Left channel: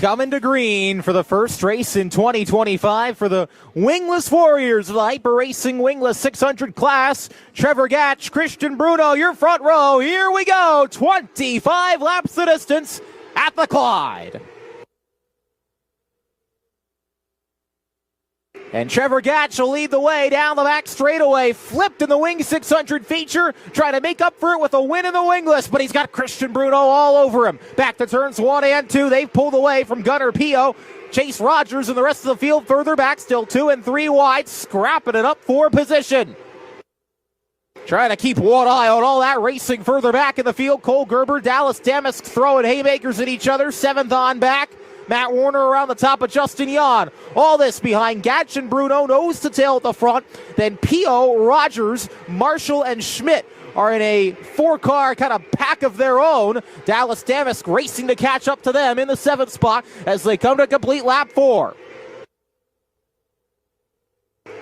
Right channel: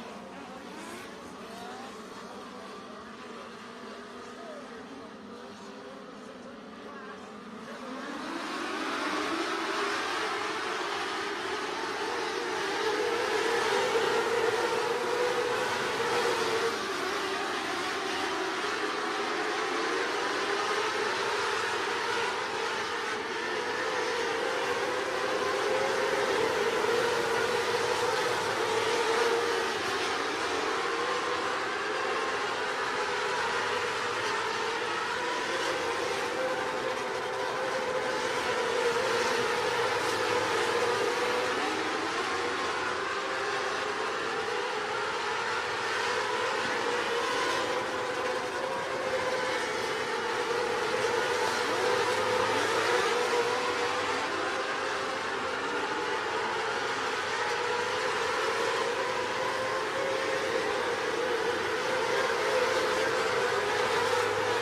Coming to green for the first race in 2025 for the Wingless Warriors of the Hyper Racing Wingless 600 class. Trevor Gatch, Christian Bruno, your front row. Here we go. 25 laps the distance at the Clyde. And Trevor Gatch will lead the way down the back straightaway. Flipped in the Wing 600 feature. Trying to make up for it with a win in the Wingless, but he's got Christian Bruno all over him. Back to turns 1 and 2. They've pulled away from Gunnar Pio. Chase Rogers and the rest of the field further back, still 2 and 3 wide, scrapping it up for position. Trying to keep one eye on all that racing further back in the field. Cole Gerber, Dallas Damask throwing haymakers at each other. 7th on back. Matt Warner around the top of Justin Yan. All this behind Gatch and Bruno, nose to tail at the front. Then Pio, Rogers, Marshall, and Schmidt are in a 4-car kind of pack of their own. Dallas Damask racing to catch up to them in the 7th spot as they come to complete lap 4.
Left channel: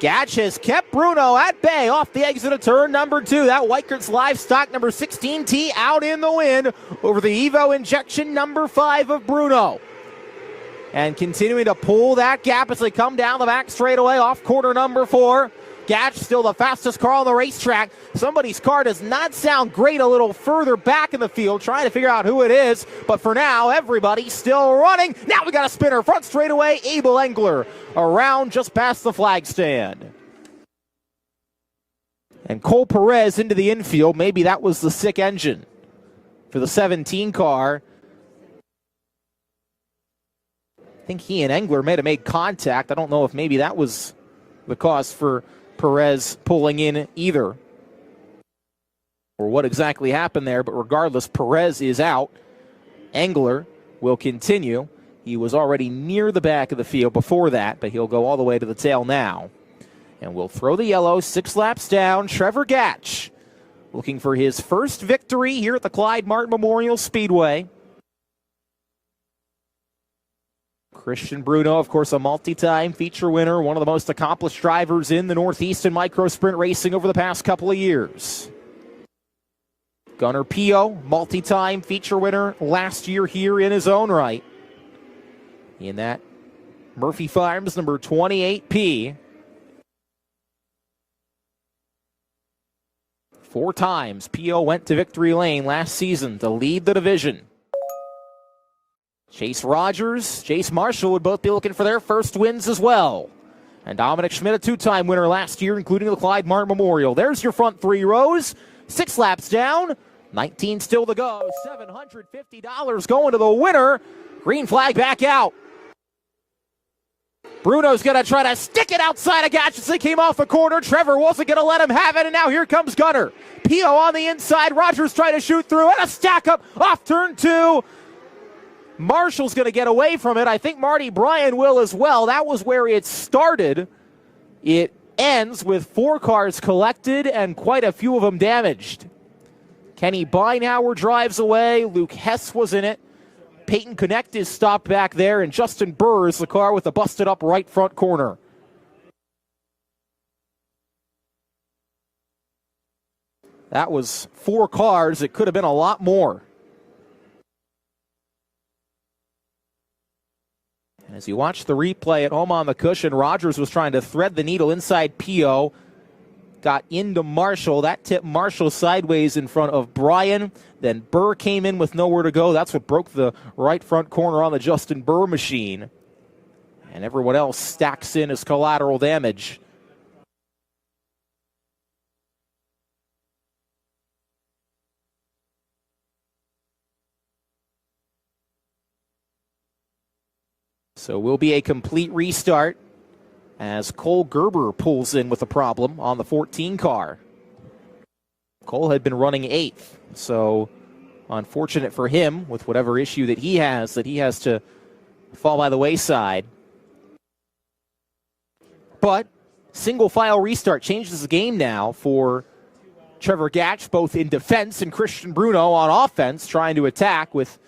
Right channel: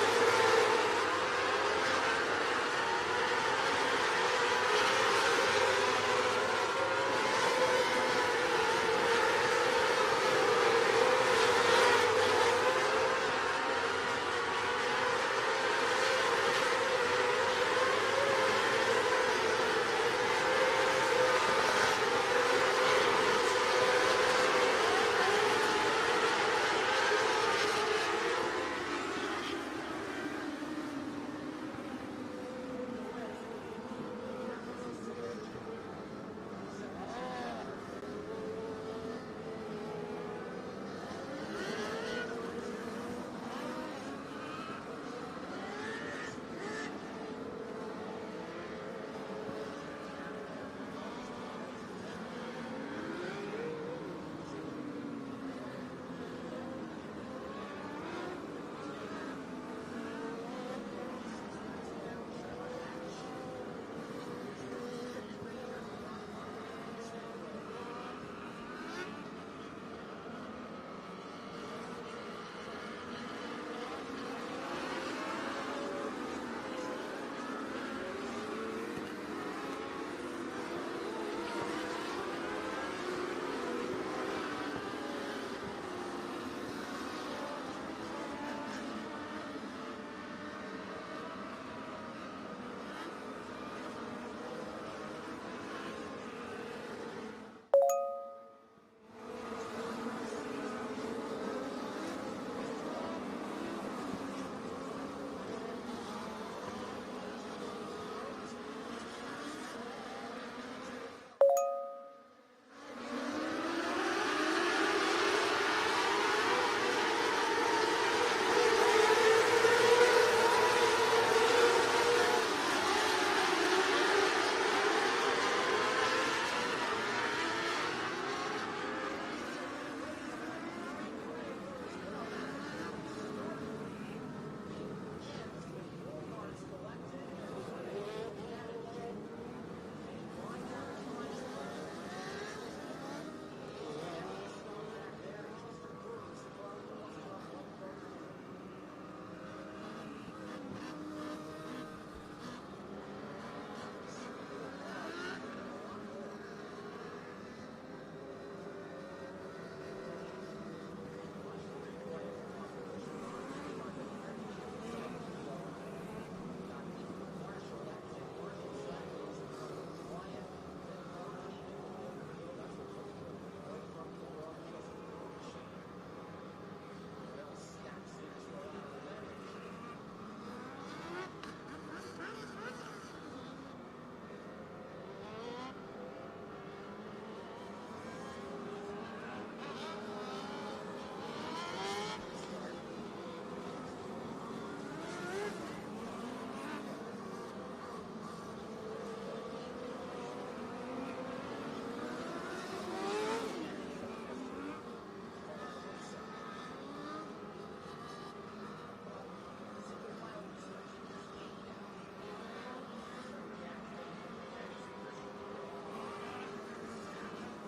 Gatch has kept Bruno at bay off the exit of turn number 2. That Weikert's Livestock number 16T out in the wind over the Evo injection number 5 of Bruno. And continuing to pull that gap as they come down the back straightaway off corner number 4. Gatch still the fastest car on the racetrack. Somebody's car does not sound great a little further back in the field, trying to figure out who it is. But for now, everybody's still running. Now we got a spinner front straightaway. Abel Engler around just past the flag stand. And Cole Perez into the infield. Maybe that was the sick engine for the 17 car. I think he and Engler may have made contact. I don't know if maybe that was the cause for Perez pulling in either, or what exactly happened there. But regardless, Perez is out. Engler will continue. He was already near the back of the field before that, but he'll go all the way to the tail now. And we'll throw the yellow. 6 laps down. Trevor Gatch looking for his first victory here at the Clyde Martin Memorial Speedway. Christian Bruno, of course, a multi-time feature winner, one of the most accomplished drivers in the Northeast in micro sprint racing over the past couple of years. Gunnar Pio, multi-time feature winner last year here in his own right. In that Murphy Farms number 28P. 4 times Pio went to victory lane last season to lead the division. Chase Rogers, Chase Marshall would both be looking for their first wins as well. And Dominic Schmidt, a 2-time winner last year, including the Clyde Martin Memorial. There's your front 3 rows. 6 laps down. 19 still to go. $750 going to the winner. Green flag back out. Bruno's going to try to stick it outside of Gatch as he came off the corner. Trevor wasn't going to let him have it, and now here comes Gunnar. Pio on the inside. Rogers trying to shoot through, and a stack up off turn 2. Marshall's going to get away from it. I think Marty Bryan will as well. That was where it started. It ends with 4 cars collected and quite a few of them damaged. Kenny Beinauer drives away. Luke Hess was in it. Peyton Connect is stopped back there, and Justin Burr is the car with the busted up right front corner. That was 4 cars. It could have been a lot more. As you watch the replay at home on the cushion, Rogers was trying to thread the needle inside Pio. Got into Marshall. That tipped Marshall sideways in front of Bryan. Then Burr came in with nowhere to go. That's what broke the right front corner on the Justin Burr machine. And everyone else stacks in as collateral damage. So will be a complete restart as Cole Gerber pulls in with a problem on the 14 car. Cole had been running 8th, so unfortunate for him with whatever issue that he has to fall by the wayside. But single file restart changes the game now for Trevor Gatch, both in defense and Christian Bruno on offense, trying to attack with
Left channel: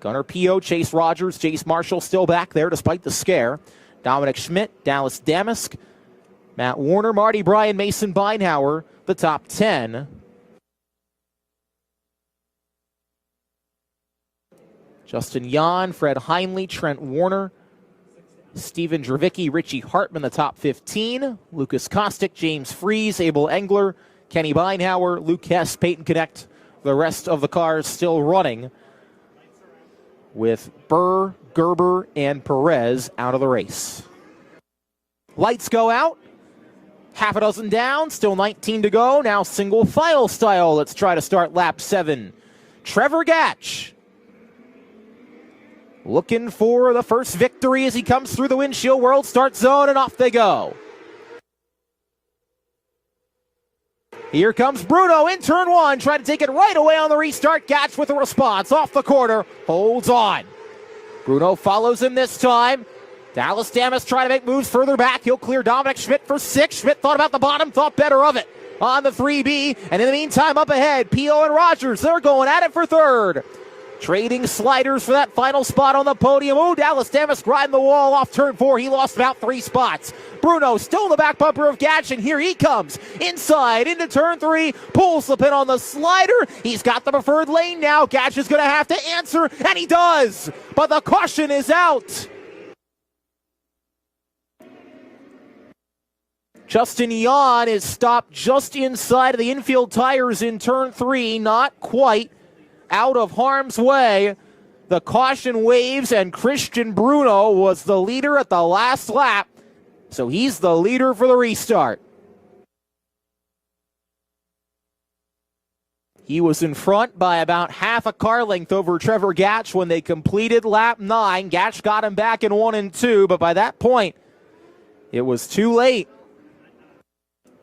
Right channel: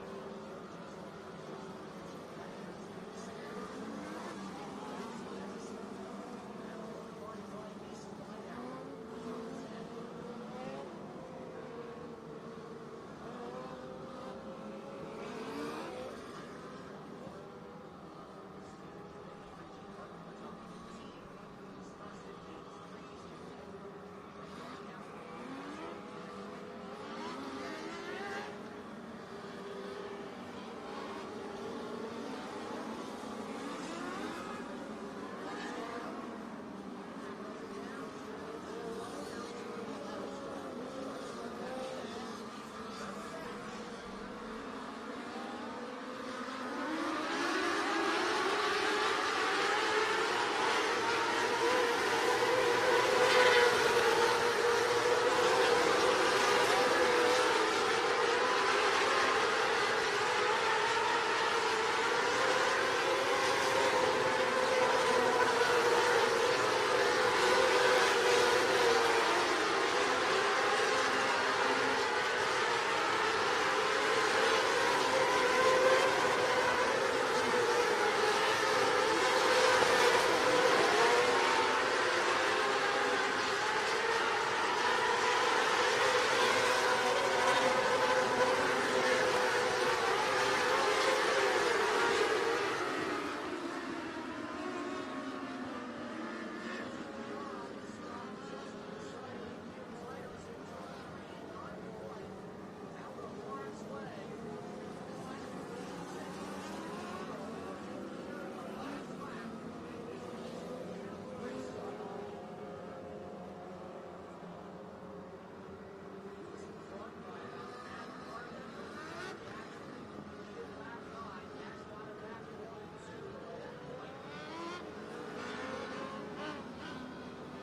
Gunnar Pio, Chase Rogers, Chase Marshall still back there despite the scare. Dominic Schmidt, Dallas Damask, Matt Warner, Marty Bryan, Mason Beinauer, the top 10. Justin Yan, Fred Heinley, Trent Warner, Steven Dravicki, Richie Hartman, the top 15. Lucas Kostic, James Freeze, Abel Engler, Kenny Beinhauer, Luke Hess, Peyton Connect. The rest of the cars still running with Burr, Gerber, and Perez out of the race. Lights go out. Half a dozen down, still 19 to go. Now single file style. Let's try to start lap 7. Trevor Gatch looking for the first victory as he comes through the windshield world start zone, and off they go. Here comes Bruno in turn 1, trying to take it right away on the restart. Gatch with a response off the corner, holds on. Bruno follows him this time. Dallas Damas trying to make moves further back. He'll clear Dominic Schmidt for 6. Schmidt thought about the bottom, thought better of it on the 3B. And in the meantime, up ahead, Pio and Rogers, they're going at it for 3rd. Trading sliders for that final spot on the podium. Oh, Dallas Damas grinding the wall off turn 4. He lost about 3 spots. Bruno still in the back bumper of Gatch, and here he comes. Inside into turn 3, pulls the pin on the slider. He's got the preferred lane now. Gatch is going to have to answer, and he does. But the caution is out. Justin Yan is stopped just inside of the infield tires in turn 3, not quite out of harm's way. The caution waves, and Christian Bruno was the leader at the last lap, so he's the leader for the restart. He was in front by about half a car length over Trevor Gatch when they completed lap 9. Gatch got him back in 1 and 2, but by that point, it was too late.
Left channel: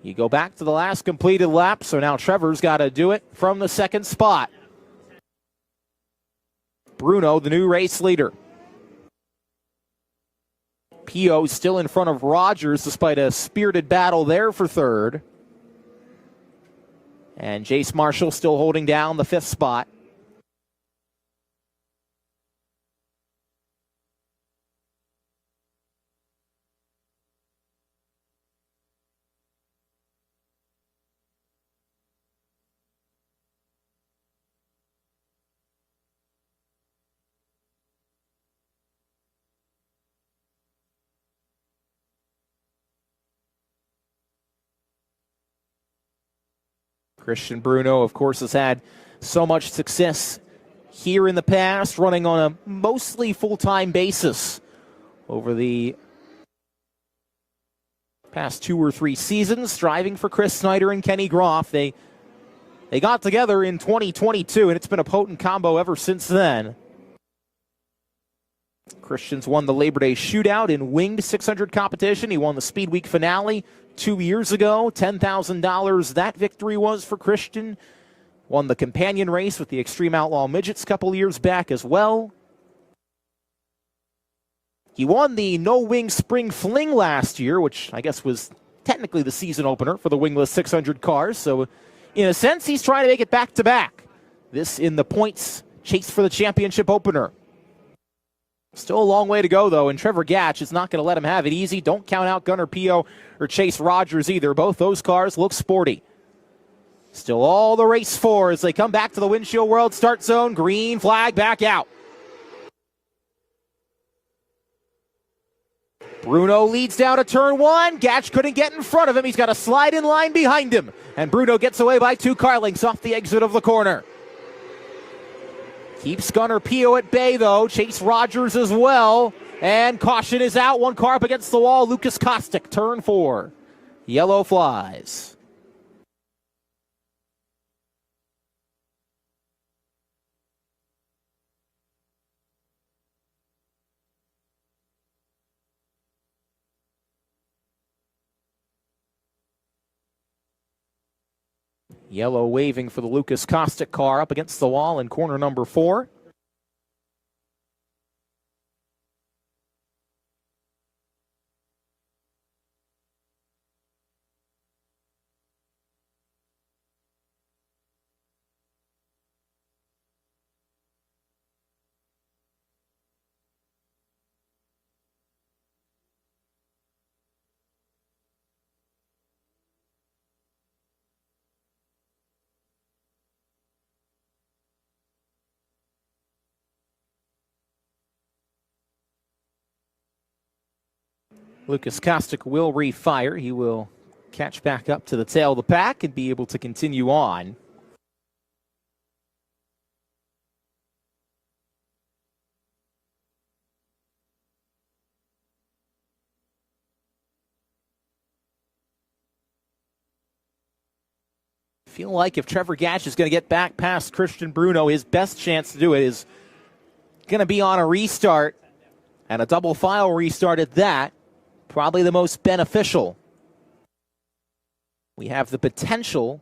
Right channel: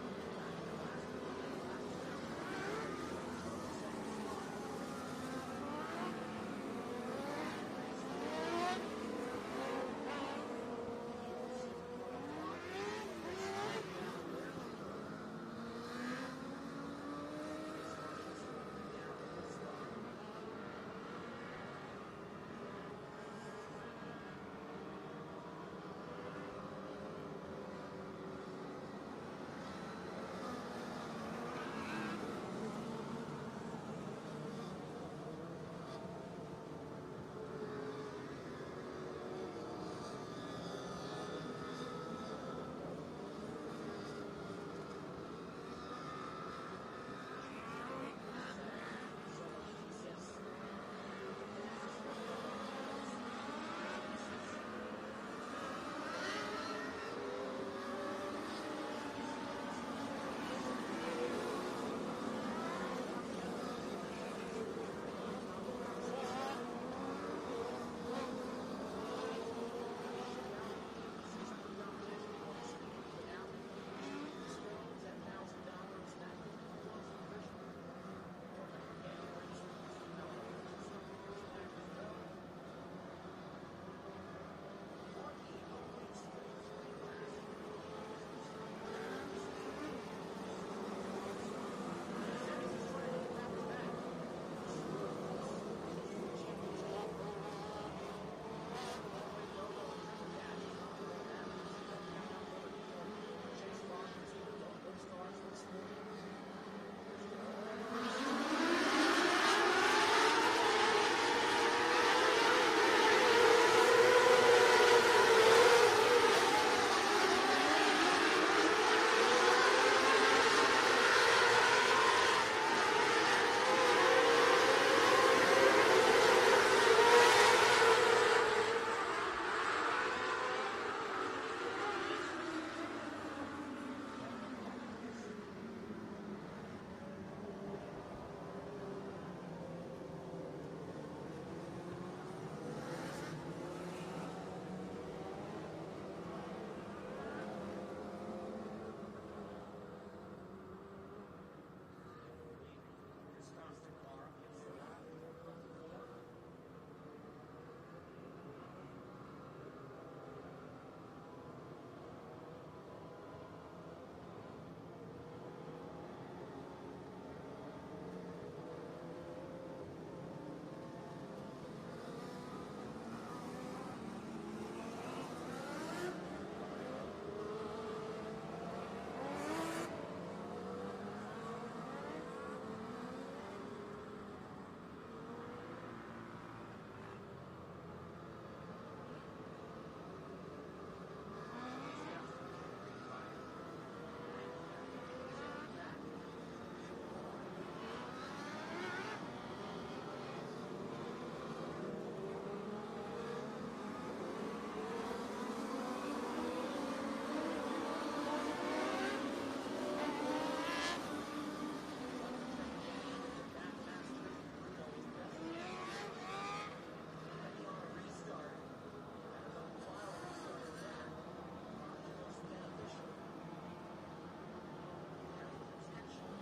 You go back to the last completed lap, so now Trevor's got to do it from the 2nd spot. Bruno, the new race leader. Pio still in front of Rogers despite a spirited battle there for 3rd. And Jace Marshall still holding down the 5th spot. Christian Bruno, of course, has had so much success here in the past, running on a mostly full-time basis over the past 2 or 3 seasons, driving for Chris Snyder and Kenny Groff. They got together in 2022, and it's been a potent combo ever since then. Christian's won the Labor Day Shootout in winged 600 competition. He won the Speed Week finale 2 years ago. $10,000 that victory was for Christian. Won the companion race with the Extreme Outlaw Midgets a couple years back as well. He won the No Wing Spring Fling last year, which I guess was technically the season opener for the wingless 600 cars. So in a sense, he's trying to make it back-to-back. This in the points chase for the championship opener. Still a long way to go, though, and Trevor Gatch is not going to let him have it easy. Don't count out Gunnar Pio or Chase Rogers either. Both those cars look sporty. Still all the race for as they come back to the windshield world start zone. Green flag back out. Bruno leads down to turn 1. Gatch couldn't get in front of him. He's got a slide in line behind him. And Bruno gets away by 2 car lengths off the exit of the corner. Keeps Gunnar Pio at bay, though. Chase Rogers as well. And caution is out. 1 car up against the wall. Lucas Kostic, turn 4. Yellow flies. Yellow waving for the Lucas Kostic car up against the wall in corner number 4. Lucas Kostic will refire. He will catch back up to the tail of the pack and be able to continue on. Feel like if Trevor Gatch is going to get back past Christian Bruno, his best chance to do it is going to be on a restart, and a double file restart at that. Probably the most beneficial. We have the potential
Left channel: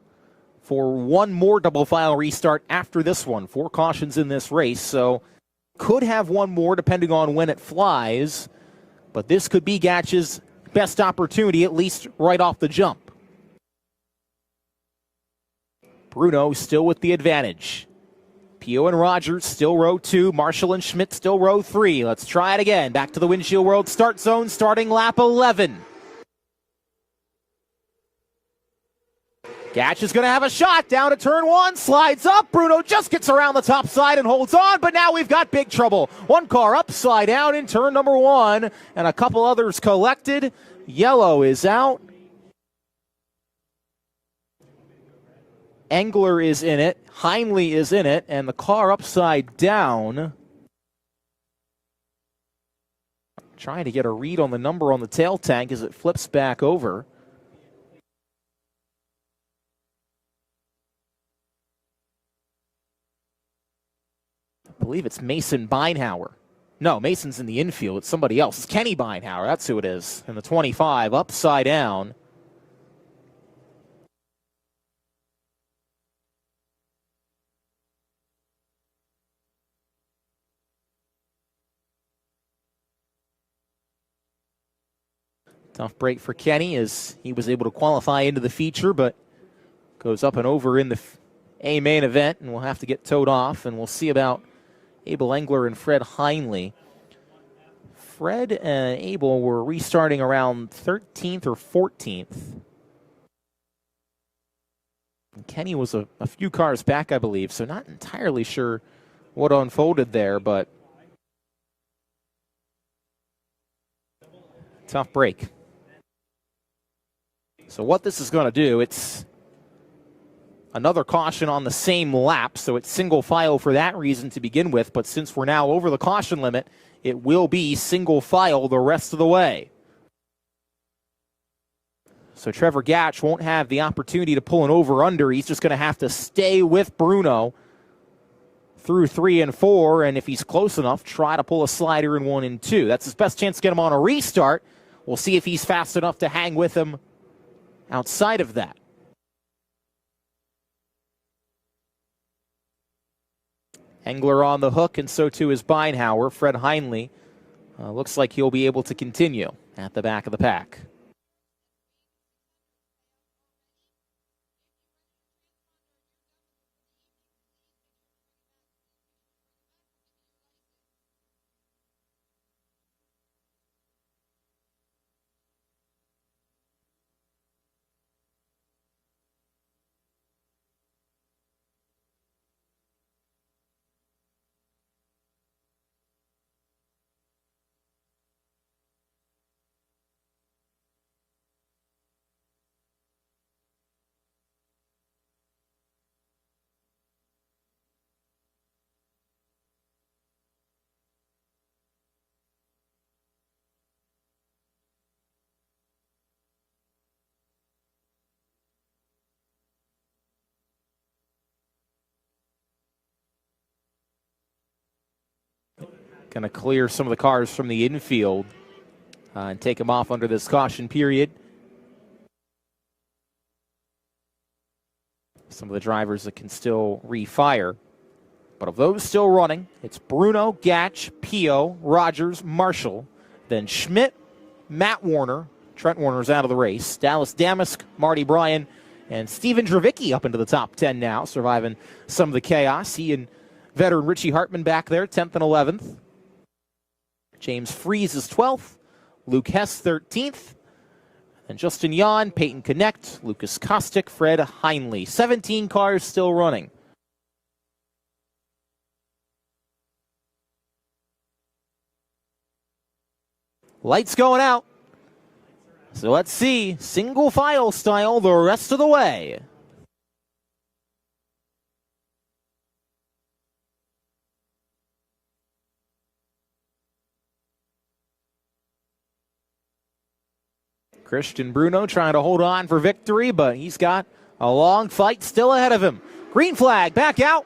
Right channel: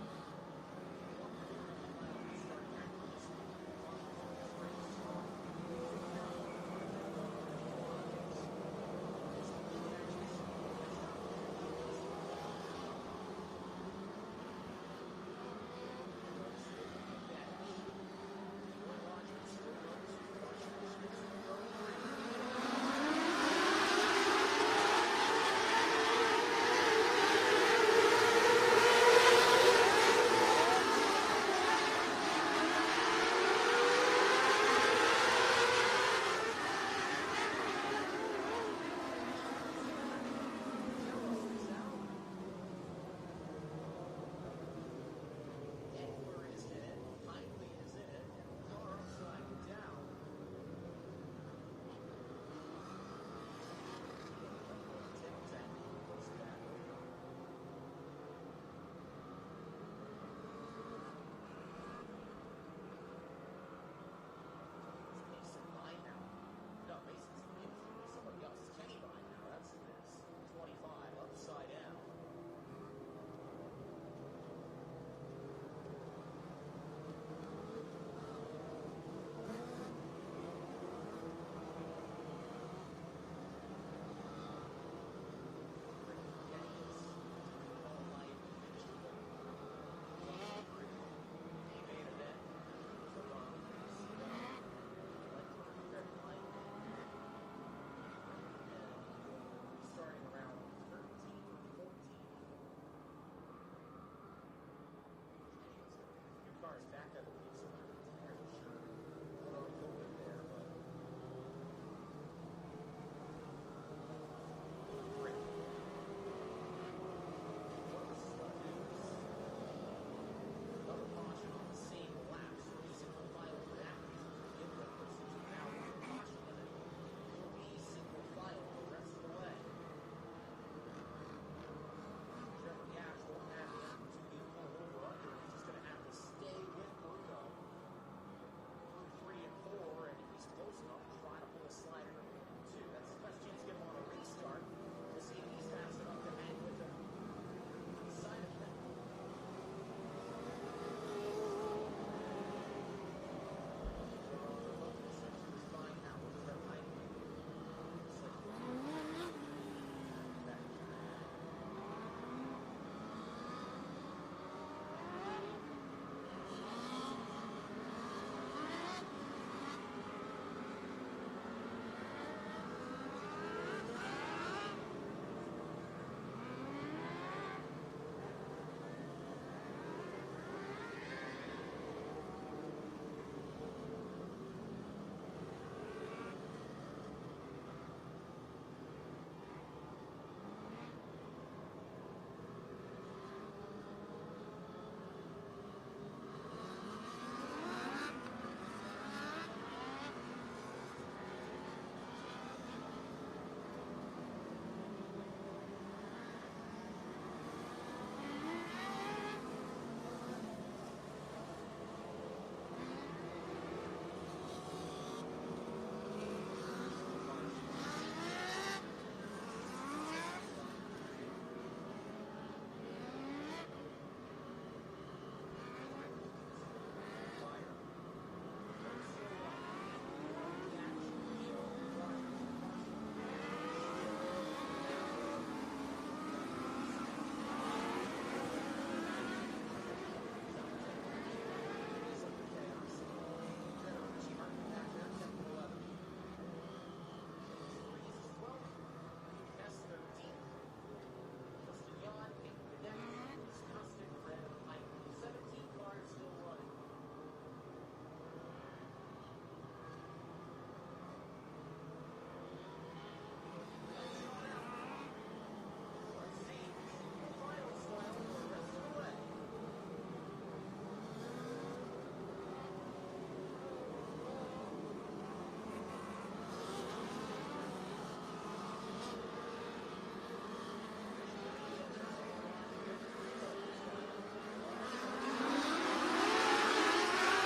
for one more double file restart after this one. 4 cautions in this race, so could have one more depending on when it flies, but this could be Gatch's best opportunity, at least right off the jump. Bruno still with the advantage. Pio and Rogers still row 2. Marshall and Schmidt still row 3. Let's try it again. Back to the Windshield World start zone, starting lap 11. Gatch is going to have a shot down to turn 1. Slides up. Bruno just gets around the top side and holds on, but now we've got big trouble. One car upside down in turn number 1, and a couple others collected. Yellow is out. Engler is in it, Heinle is in it, and the car upside down. Trying to get a read on the number on the tail tank as it flips back over. I believe it's Mason Beinhauer. No, Mason's in the infield. It's somebody else. It's Kenny Beinhauer. That's who it is. In the 25, upside down. Tough break for Kenny as he was able to qualify into the feature, but goes up and over in the A main event, and will have to get towed off. And we'll see about Abel Engler and Fred Heinle. Fred and Abel were restarting around 13th or 14th. And Kenny was a few cars back, I believe, so not entirely sure what unfolded there, but tough break. So what this is going to do, it's another caution on the same lap, so it's single file for that reason to begin with, but since we're now over the caution limit, it will be single file the rest of the way. So Trevor Gatch won't have the opportunity to pull an over-under. He's just going to have to stay with Bruno through 3 and 4, and if he's close enough, try to pull a slider in 1 and 2. That's his best chance to get him on a restart. We'll see if he's fast enough to hang with him outside of that. Engler on the hook, and so too is Beinhauer. Fred Heinle looks like he'll be able to continue at the back of the pack. Going to clear some of the cars from the infield and take them off under this caution period. Some of the drivers that can still refire. But of those still running, it's Bruno, Gatch, Pio, Rogers, Marshall, then Schmidt, Matt Warner. Trent Warner's out of the race. Dallas Damask, Marty Bryan, and Steven Dravicki up into the top 10 now, surviving some of the chaos. He and veteran Richie Hartman back there, 10th and 11th. James Freeze is 12th, Luke Hess 13th, and Justin Yan, Peyton Connect, Lucas Kostic, Fred Heinle. 17 cars still running. Lights going out. So let's see, single file style the rest of the way. Christian Bruno trying to hold on for victory, but he's got a long fight still ahead of him. Green flag, back out.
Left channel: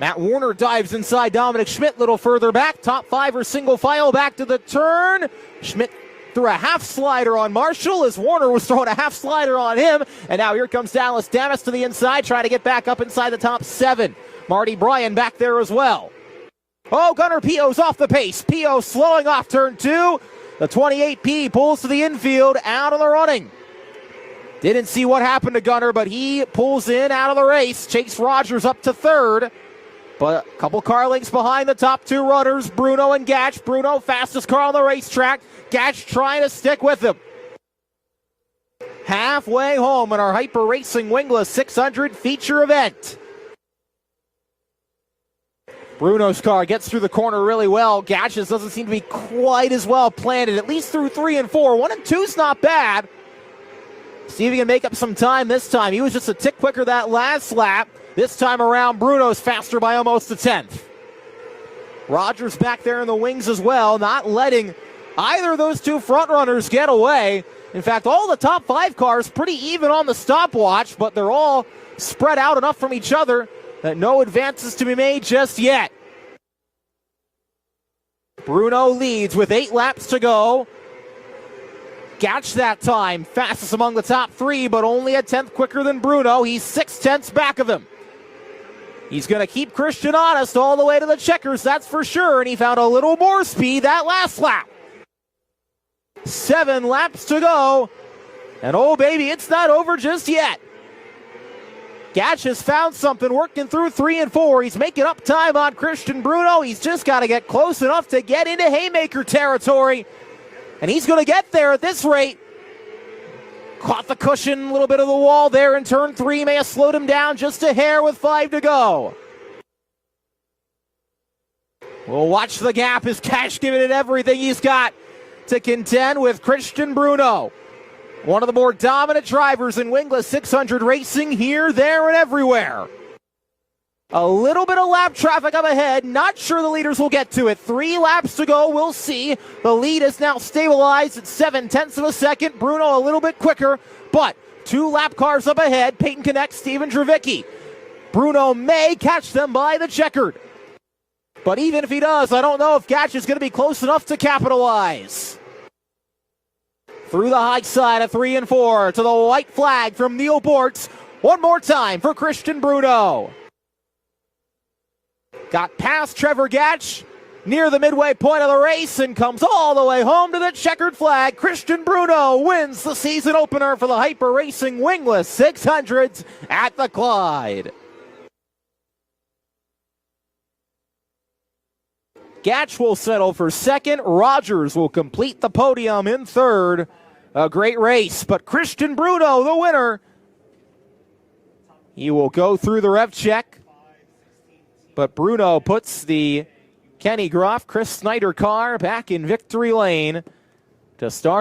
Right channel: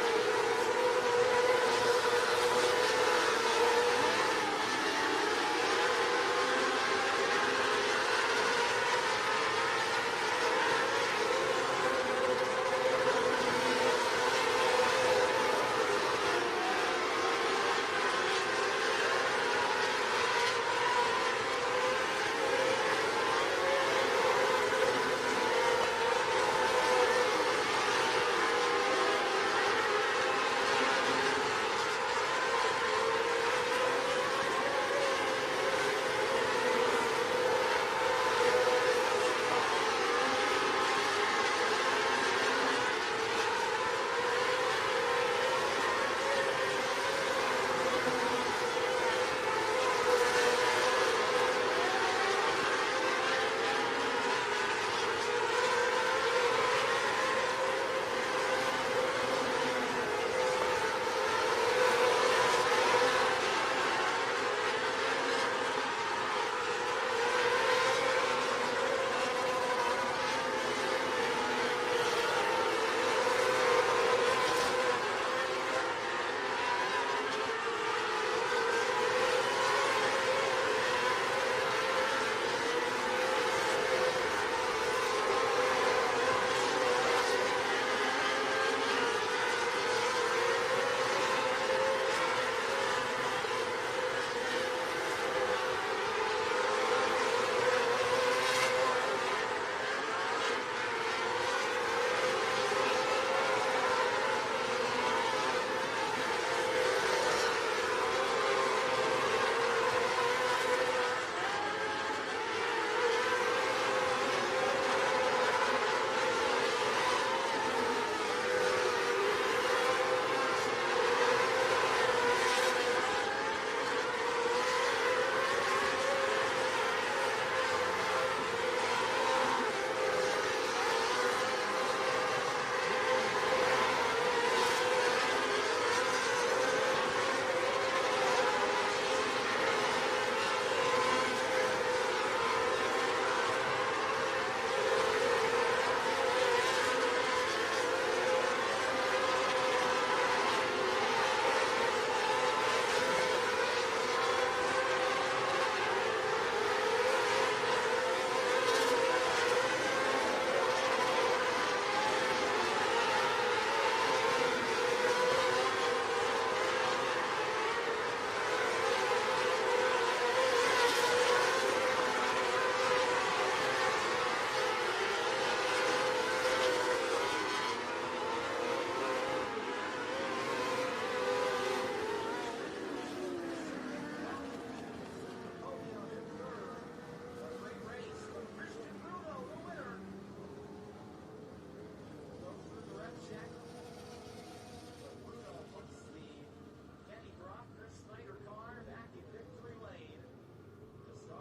Matt Warner dives inside Dominic Schmidt, little further back. Top five or single file back to the turn. Schmidt threw a half slider on Marshall as Warner was throwing a half slider on him. And now here comes Dallas Damas to the inside, trying to get back up inside the top seven. Marty Bryan back there as well. Oh, Gunnar Pio's off the pace. Pio slowing off turn two. The 28P pulls to the infield, out of the running. Didn't see what happened to Gunnar, but he pulls in out of the race. Chase Rogers up to third. But a couple car lengths behind the top two runners, Bruno and Gatch. Bruno, fastest car on the racetrack. Gatch trying to stick with him. Halfway home in our Hyper Racing Wingless 600 feature event. Bruno's car gets through the corner really well. Gatch's doesn't seem to be quite as well planted, at least through 3 and 4. 1 and 2's not bad. See if he can make up some time this time. He was just a tick quicker that last lap. This time around, Bruno's faster by almost a tenth. Rogers back there in the wings as well, not letting either of those two front runners get away. In fact, all the top five cars pretty even on the stopwatch, but they're all spread out enough from each other that no advances to be made just yet. Bruno leads with 8 laps to go. Gatch that time, fastest among the top three, but only a tenth quicker than Bruno. He's 6 tenths back of him. He's going to keep Christian honest all the way to the checkers, that's for sure, and he found a little more speed that last lap. 7 laps to go, and oh baby, it's not over just yet. Gatch has found something working through 3 and 4. He's making up time on Christian Bruno. He's just got to get close enough to get into haymaker territory. And he's going to get there at this rate. Caught the cushion, a little bit of the wall there in turn 3. May have slowed him down just a hair with 5 to go. We'll watch the gap as Gatch giving it everything he's got to contend with Christian Bruno. One of the more dominant drivers in Wingless 600 racing here, there, and everywhere. A little bit of lap traffic up ahead. Not sure the leaders will get to it. 3 laps to go. We'll see. The lead is now stabilized at 7 tenths of a second. Bruno a little bit quicker, but 2 lap cars up ahead. Peyton Connect, Steven Dravicki. Bruno may catch them by the checker. But even if he does, I don't know if Gatch is going to be close enough to capitalize. Through the high side of 3 and 4 to the white flag from Neil Bortz. One more time for Christian Bruno. Got past Trevor Gatch near the midway point of the race and comes all the way home to the checkered flag. Christian Bruno wins the season opener for the Hyper Racing Wingless 600s at the Clyde. Gatch will settle for second. Rogers will complete the podium in third. A great race, but Christian Bruno, the winner. He will go through the rev check. But Bruno puts the Kenny Groff, Chris Snyder car back in victory lane to start.